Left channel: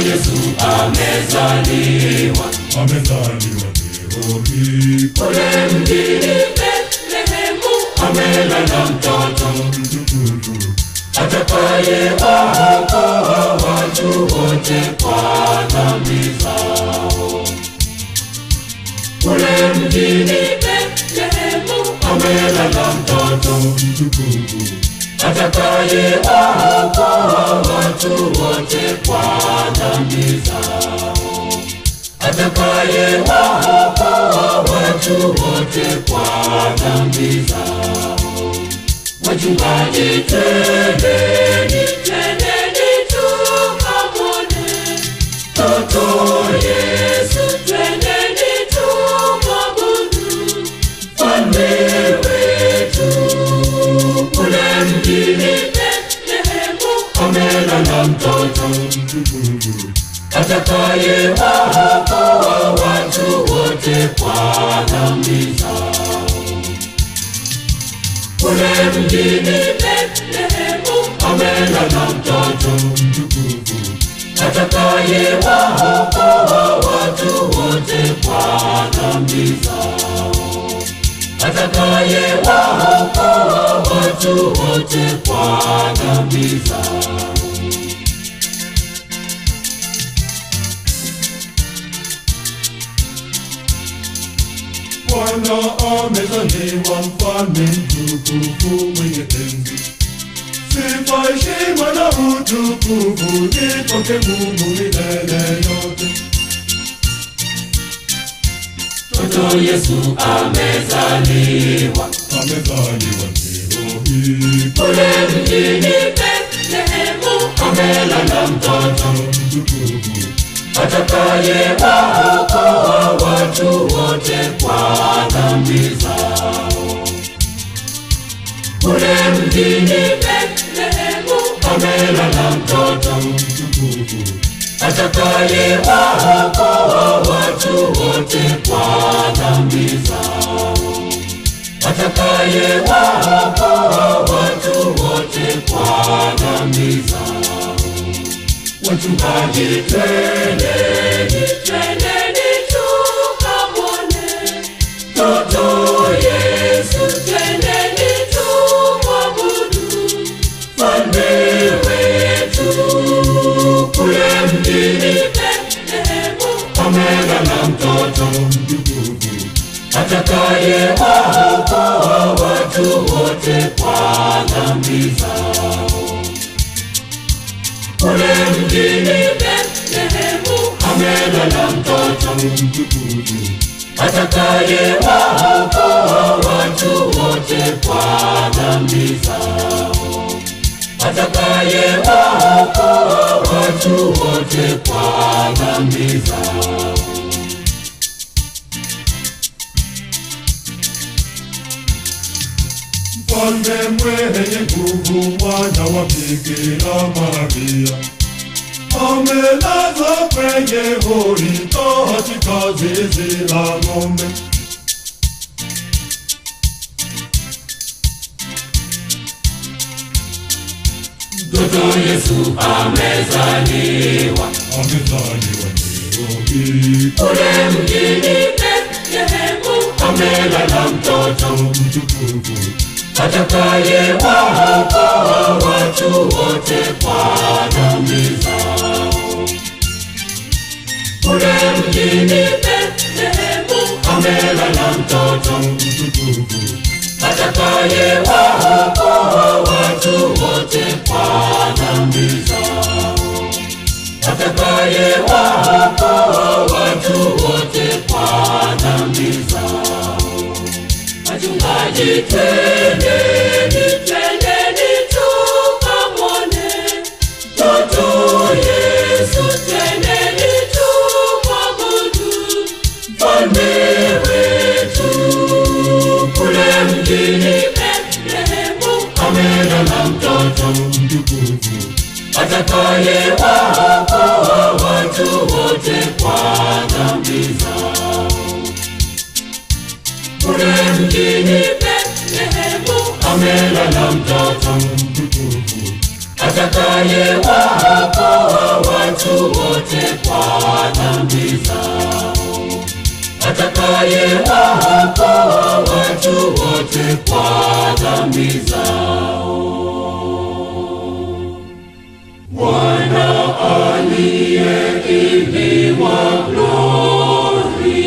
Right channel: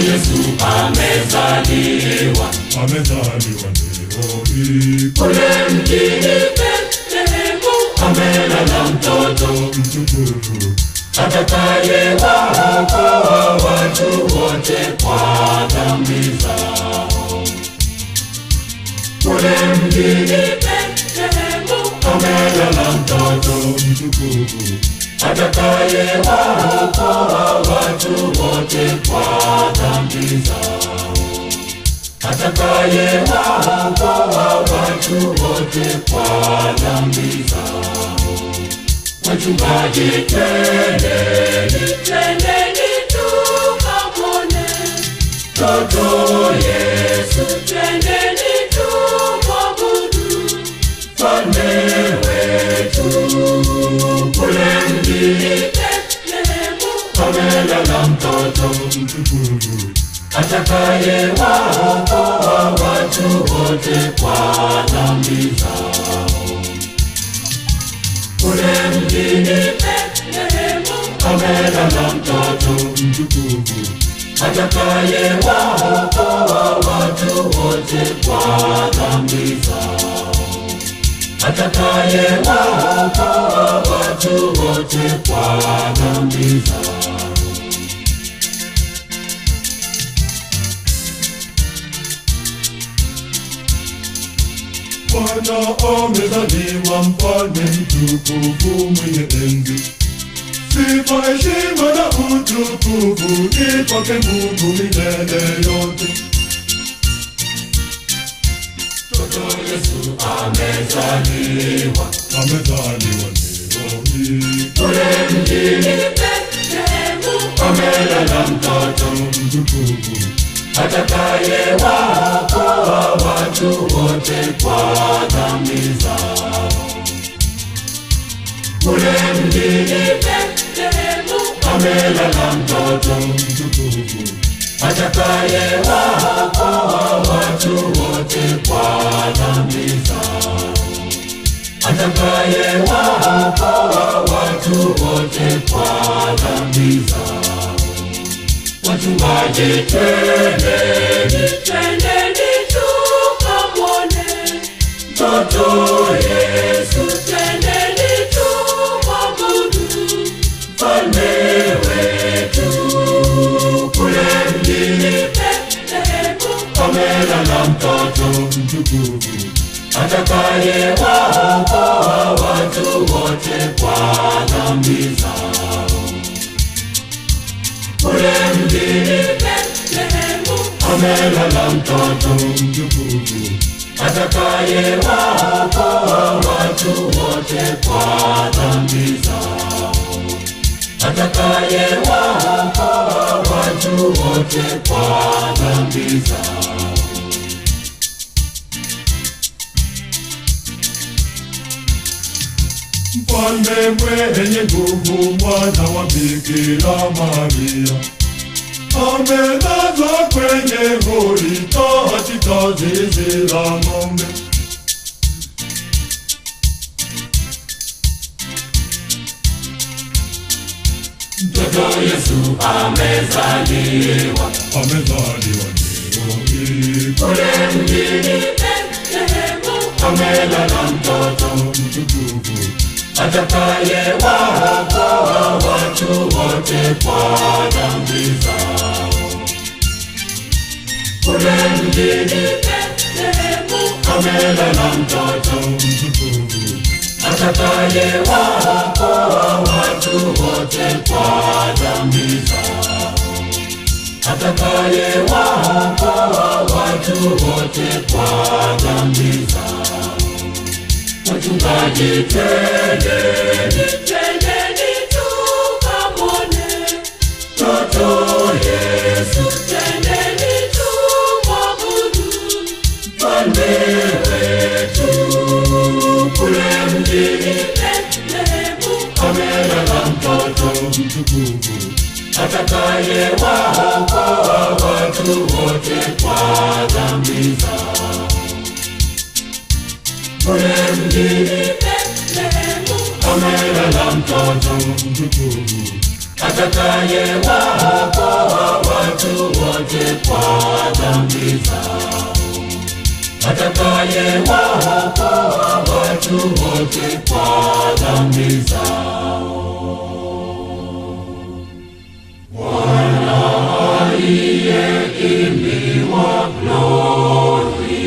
Yesu amezaliwa leo hii kule mjini Bethlehemu, amelala mtoto mtukufu atakayewaokoa watu wote kwa dhambi zao. Kule mjini Bethlehemu, amelala mtoto mtukufu atakayewaokoa watu wote kwa dhambi zao. Atakayewaokoa watu wote kwa dhambi zao. Wachungaji, twendeni tukamwone mtoto Yesu, twendeni tumwabudu mfalme wetu. Kule mjini Bethlehemu, amelala mtoto mtukufu atakayewaokoa watu wote kwa dhambi zao. Kule mjini Bethlehemu, amelala mtoto mtukufu atakayewaokoa watu wote kwa dhambi zao. Atakayewaokoa watu wote kwa dhambi zao. Bwana amezaliwa, mfalme mtukufu mwenye enzi. Sifa, heshima na utukufu ni kwake Mungu milele yote. Mtoto Yesu amezaliwa leo hii kule mjini Bethlehemu, amelala mtoto mtukufu atakayewaokoa watu wote kwa dhambi zao. Kule mjini Bethlehemu, amelala mtoto mtukufu atakayewaokoa watu wote kwa dhambi zao. Atakayewaokoa watu wote kwa dhambi zao. Wachungaji, twendeni tukamwone mtoto Yesu, twendeni tumwabudu mfalme wetu. Kule mjini Bethlehemu, amelala mtoto mtukufu atakayewaokoa watu wote kwa dhambi zao. Kule mjini Bethlehemu, amelala mtoto mtukufu atakayewaokoa watu wote kwa dhambi zao. Atakayewaokoa watu wote kwa dhambi zao. Mfalme mwenye nguvu, mwana wa Bikira Maria, amelazwa kwenye hori katika zizi la ng'ombe. Mtoto Yesu amezaliwa leo hii kule mjini Bethlehemu, amelala mtoto mtukufu atakayewaokoa watu watu wote kwa dhambi zao. Kule mjini Bethlehemu amelala mtoto mtukufu, atakayewaokoa watu wote kwa dhambi zao. Atakayewaokoa watu wote kwa dhambi zao. Wachungaji, twendeni tukamwone mtoto Yesu, twendeni tumwabudu mfalme wetu. Kule mjini Bethlehemu amelala mtoto mtukufu, atakayewaokoa watu wote kwa dhambi zao. Kule mjini Bethlehemu amelala mtoto mtukufu, atakayewaokoa watu wote kwa dhambi zao. Atakayewaokoa watu wote kwa dhambi zao. Bwana aliye ini mwa glori